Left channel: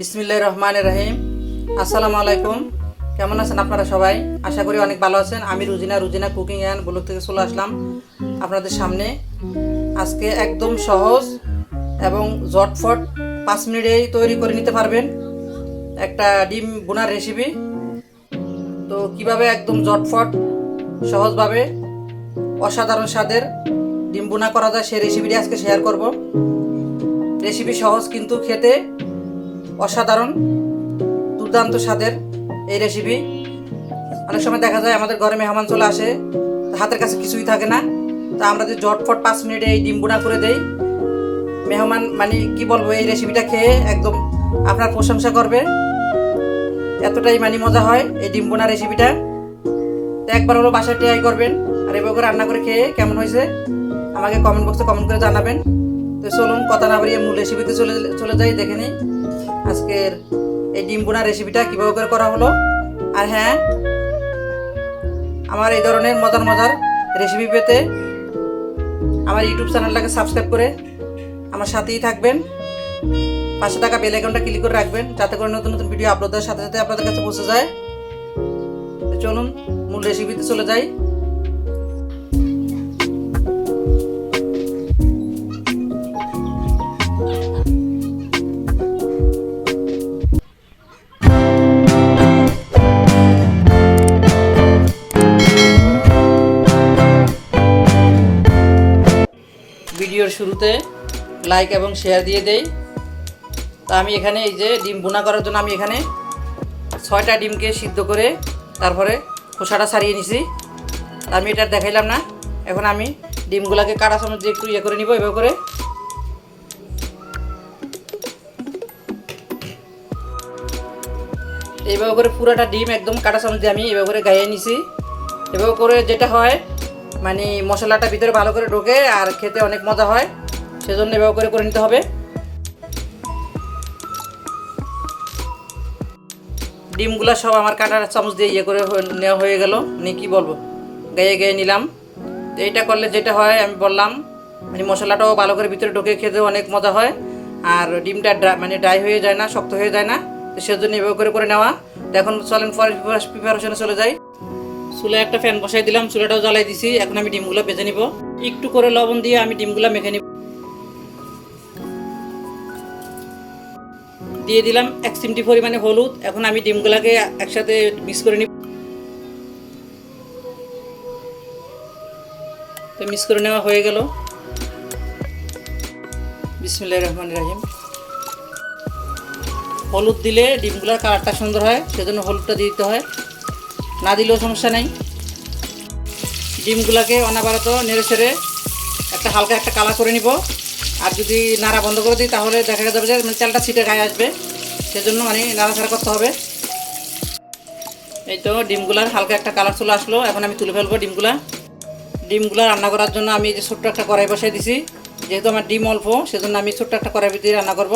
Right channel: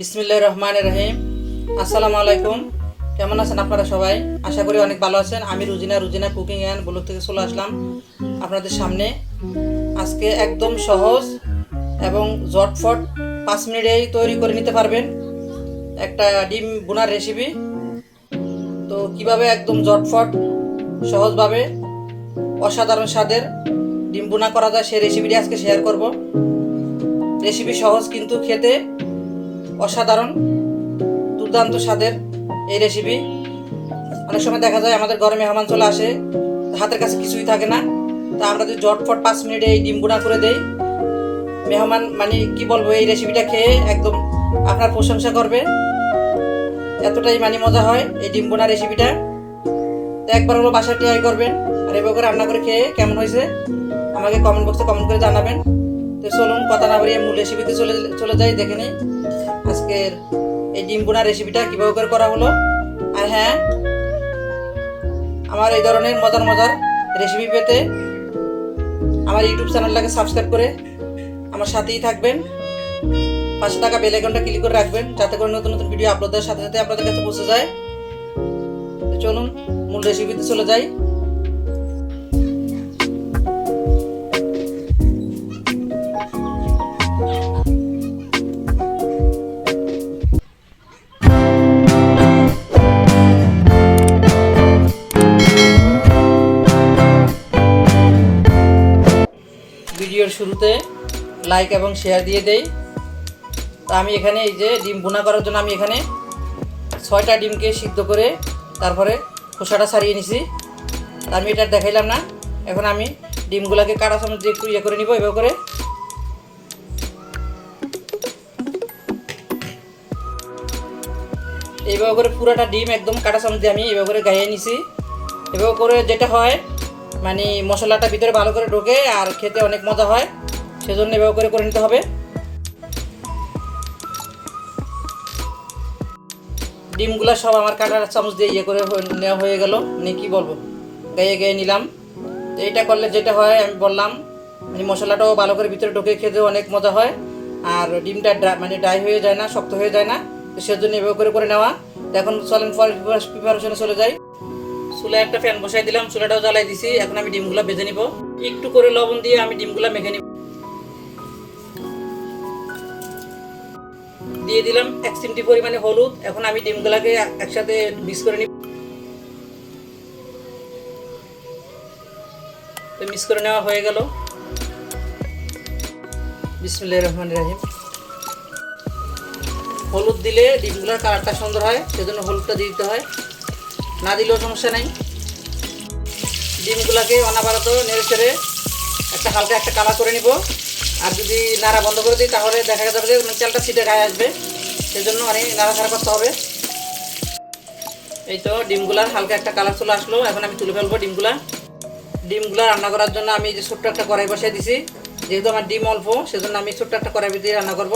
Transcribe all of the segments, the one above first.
বিসমিল্লাহ রহমান রহিম। আসসালামু আলাইকুম। কেমন আছেন আপনারা সবাই? আশা করি অনেক ভালো আছেন। আমি Rujina Rujina cooking and blog থেকে চলে আসলাম আপনাদের সামনে। আজকে একদম সহজ এবং জটফট পাঁচ মিনিটেই তৈরি করে নিতে পারবেন একটা ডিম বোনার রেসিপি তো কীভাবে একদম জটফট সহজভাবে, অসাধারণ স্বাদের ডিম বোনা করা যায় সেই রেসিপিটি আজকে শেয়ার করব। রেসিপি সহজ কিন্তু খেতে অসাধারণ, দুর্দান্ত স্বাদের এই রেসিপি অনেক সময় দেখা যায় আমাদের ঘরে মেহমান চলে আসে, হাতের কাছে কিছুই থাকে না। তা আমরা যদি জটফট পাঁচ মিনিটে এই ডিম বোনা করে দেই, মেহমান মানে কি বলব, এই রেসিপিটা খেয়ে একদম আপনার প্রশংসা করবে। এতটাই মানে মজা হয় এই ডিম রেসিপিটা তো একবার হলো বাসায় ট্রাই করবেন, আর করে রান্না করে খেয়ে কেমন হয়েছে, আমাকে কমেন্ট বক্সে কমেন্ট করে জানাবেন। তো চলুন, কথা না বাড়িয়ে মূল রেসিপিতে চলে চলে যাই, দেখে নিই। আজকের এই ডিম বোনা রেসিপিটা কীভাবে করে করা হলো? আর হ্যাঁ আমার এই ধরনের মজার মজার রেসিপি পেতে আমার ইউটিউব চ্যানেলটাকে সাবস্ক্রাইব করে আমার সাথেই থাকবেন। পাশে থাকা বেল আইকনটা ক্লিক করে রাখবেন, যাতে করে নতুন নতুন ভিডিও আপলোড দেওয়ার সাথে সাথে আপনাদের কাছে পৌঁছে যায়। চলুন, মূল রেসিপিতে চলে যাই। ভিডিওর শুরুতে লাইক এবং শেয়ার দিয়ে দেই। তো আমি এখানে এই যে ডিম বোনা করার জন্য আমি এখানে ছয়টা ডিমকে সিদ্ধ করে তারপরে খোসাটা ছাড়িয়ে নিছি। আমি এটা দেখাইলাম না। এখন আমি ডিমগুলোকে কাটা চামচ দিয়ে একটু ইয়ে করে নিব, এভাবে করে। এইভাবে করে পুরোটা ডিম একদম কাটা চামচ দিয়ে আমি এভাবে করে গাইয়ে নিছি। এভাবে করে যেটা হয় মানে মশলাটা ভিতরে ভালো করে ঢোকে আর খেতে অনেক মজা হয় সেজন্য এভাবে করে করে নিতে হবে ডিমগুলো সব আমার কাটার চামচ দিয়ে ইয়ে করে হয়ে- নেওয়া হয়ে গেল নিয়ে কী বলব গায়ে গায়ে নিলাম এইটা করলে যেটা হয় আমি বললাম মানে মশলাটাও ভালো করে ভিতরে ঢোকে খেতে অনেক মজা হয় আর ডিমটা মানে ড্রাই হয়ে যায় না শক্ত হয়ে যায় না সেজন্য এভাবে করে করে নেওয়া এখন চলেন প্রিপারেশনে চলে যাই চুলে একটা ফ্যান বসাই দিলাম, চুলাটাও জ্বালাই দিছি। এখন আমি ডিমগুলো ভেজে নিব। একটু করে লবণ দিয়ে আমি ডিমগুলো মেখে নিব। দিয়ে দিলাম এক চিমটি পরিমাণে হলুদ। এখন আমি ডিমগুলোকে একসাথে মিক্স করে নিব। তো মিক্স করে নেওয়া হয়ে গেল। বিসমুল্লাহ রহমান রহিম। হলুদ দিলে ডিমগুলোর কালারটা সুন্দর হয়, সেজন্য হলুদটা দিতে হয়। না দিলেও সমস্যা নেই। ডিমগুলোকে অনাবারত নেড়ে ছেড়ে একটা হালকা একটা কালার করে নিব। আর যদি নাড়া বন্ধ করে দিই, তাহলে দেখা যাবে যে তেলটা ছিটে গায়ে আসবে। সেজন্য মানে নাড়াচাড়া করতে হবে। এই তো ডিমগুলার হালকা একটা কালার চলে আসলো। এখন আমি তুলে ফেলব ডিমগুলা। ডিমগুলো রান্না করার জন্য আমি যে ছোট্ট একটা কড়াই বসিয়ে দিছি, যেহেতু আমার ডিম অল্প, সেজন্য আমি ছোট্ট একটা কড়াই দিয়ে রান্না করব।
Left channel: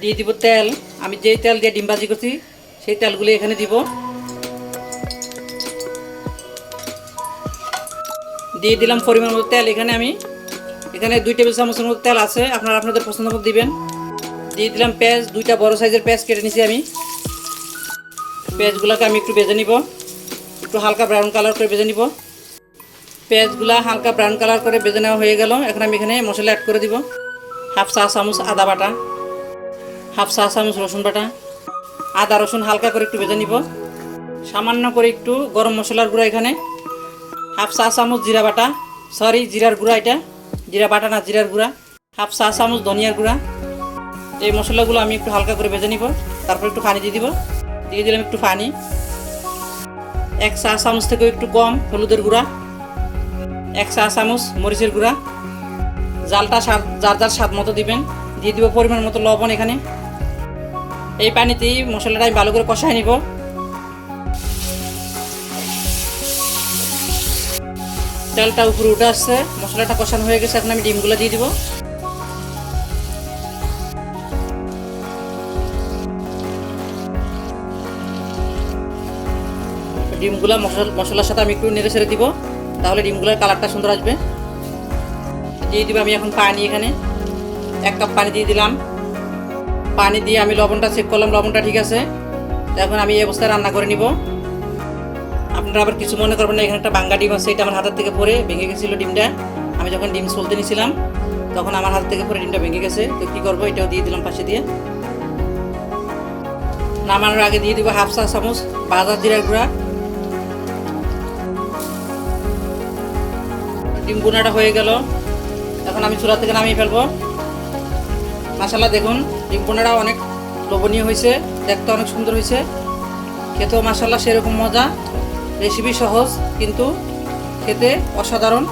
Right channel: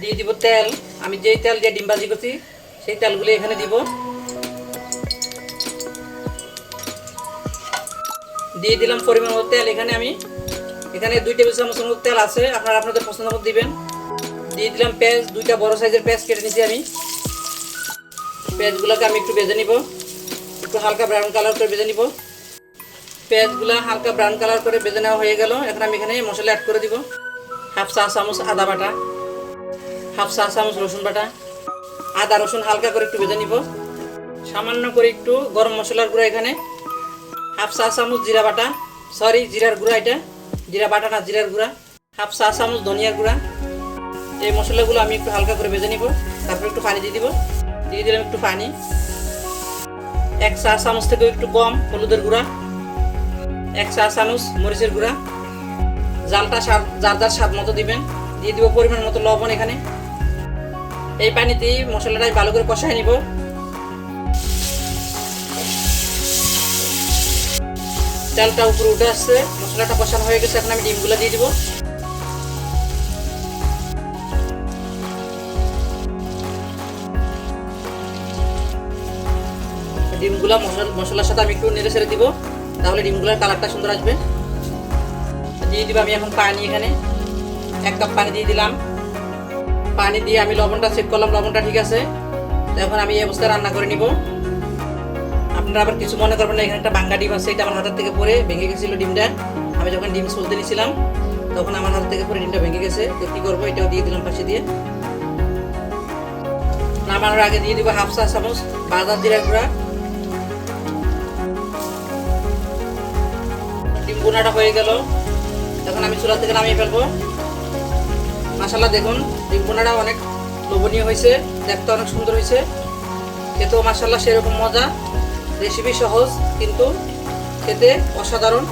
দিয়ে দিব তেল। আমি যেই তেল দিয়ে ডিম ভাজি করছি, সেই তেলগুলি এখানে দিব। দিয়ে দিলাম পরিমাণ মতো তেল। এখানে আমি এখানে দুই টেবিল চামচের মতো তেল আছে। আপনারা আপনাদের পছন্দ মতো দিবেন। দিয়ে দিলাম পেঁয়াজ। দুইটা বড় সাইজের পেঁয়াজ কেটে নিছি আমি। পেঁয়াজগুলোকে আমি একটু ভেজে নিব। একটু হালকা ব্রাউন কালার করে ভেজে নিব। পেঁয়াজগুলো হালকা ব্রাউন কালার করে ভেজে নেওয়া হয়ে গেল। এখন আমি এখানে মশলা অ্যাড করে দিব। হাফ চা চামচ আদা বাটা। হাফ চা চামচ রসুন বাটা। আদা রসুন হালকা করে একটু ভেজে নিব। সামান্য করে একটু গরম মশলার গুঁড়া এখানে। হাফ চা চামচ জিরা বাটা। সরি জিরার গুঁড়া এটা। জিরা বাটা না, জিরার গুঁড়া। হাফ চা চামচ, ধনিয়ার গুঁড়া। এই মশলাগুলো আমি একটু হালকা করে ভেজে নিব। তারপর একটু পানি দিয়ে দিব। দিয়ে দিলাম একটু পানি। এক চা চামচ থেকে একটু কম, হলুদের গুঁড়া। এক চা চামচ, মরিচের গুঁড়া। জালটা স্বাদ, যার যার স্বাদ মতো দিবেন। দিয়ে দিব পরিমাণ মতো লবণ এখানে। এই পানিতেই আমি ভালো করে কষাই নিব। তেলটা উপরে উঠে আসছে, মশলাটা কষানো হয়ে গেছে, এখন আমি ডিমগুলো দিয়ে দিব। ডিমগুলো মশলা, মশলার সাথে আমি একটু নেড়ে ছেড়ে দিব, তাহলে ডিমগুলোর কালারটা সুন্দর আসবে। দিয়ে দিব আমি এখন পানি এখানে। এক কাপ পানি দিয়ে দিলাম। পানি দিয়ে আমি লবণটা চেক করলাম, লবণটা ঠিক আছে। এখন আমি এই অবস্থায় রান্না করে নিব। আপনারা আবার কিছু মনে করবেন না, এখানে একটা বাঙ্গা ডিম আছে, এটা আমার হাতের থেকে পরে ভেঙে গেছিল ডিমটা। আমি যখন ডিম চলতে নিয়েছিলাম, তখন আমার হাত থেকে পরে ডিমটা ভেঙে গেছে। তো কী করব, এটাও দিয়ে দিলাম পাশে দিয়ে। নামানোর আগে দিয়ে দিব হাফ চা চামচ বাজার জিরা গুঁড়া। ডিম গুঁড়াটা হয়ে গেল। এখন আমি চুলা থেকে নামিয়ে ফেলব। মশালা দেখুন, ডিম গুঁড়াটা অনেক লোভনীয় হয়েছে, দেখতে অনেক সুন্দর হয়েছে। খেতেও মশালা সেরকম মজা। রেসিপি সহজ, কিন্তু খেতে অসাধারণ।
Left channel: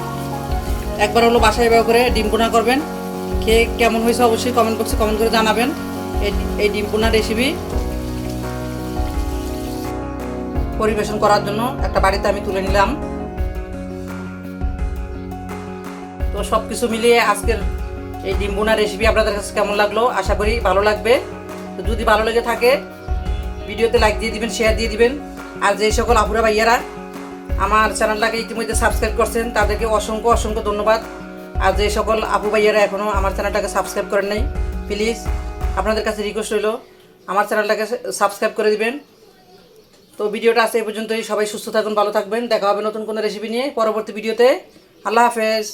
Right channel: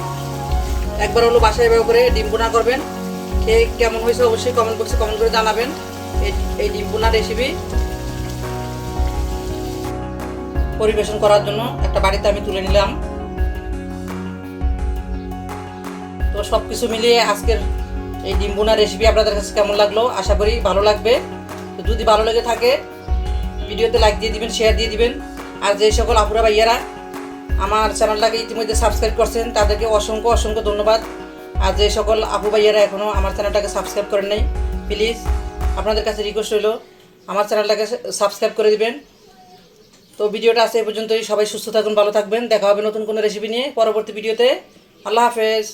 একবার হলো বাসায় ব্যবহার করে ডিম বোনা করবেন। খেয়ে কেমন হয়েছে অবশ্যই কমেন্ট বক্সে কমেন্ট করে জানাবেন। এই ডিম বোনা রেসিপি পরিবেশন করার জন্য একটা বাড়িতে আমি তুলে নিলাম। তো সব কিছু মিলিয়ে আজকের এই ডিম বোনা রেসিপি আপনাদের কাছে কেমন লাগল? আশা করি ভালো লাগবে। তো যদি ভালো লেগে থাকে, ভিডিওতে লাইক দিয়ে দিবেন শেয়ার দিয়ে দিবেন। আর যে সকল আপুরা ভাইয়ারা আমার চ্যানেলটাকে ইতিমধ্যে সাবস্ক্রাইব করছেন, তাদেরকে অসংখ্য অসংখ্য ধন্যবাদ। আর যে সকল আপু ভাইয়ারা এখনও আমার চ্যানেলটাকে সাবস্ক্রাইব করেন নাই প্লিজ আপনাদের কাছে রিকোয়েস্ট রইল, আমার চ্যানেলটাকে সাবস্ক্রাইব করে দিবেন। তো ভিডিওটা আছে এই পর্যন্তই, সবাই সুস্থ থাকুন, ভালো থাকবেন। দেখা হবে নতুন কোনো রেসিপি নিয়ে পরবর্তী ভিডিওতে। আল্লাহ হাফেজ।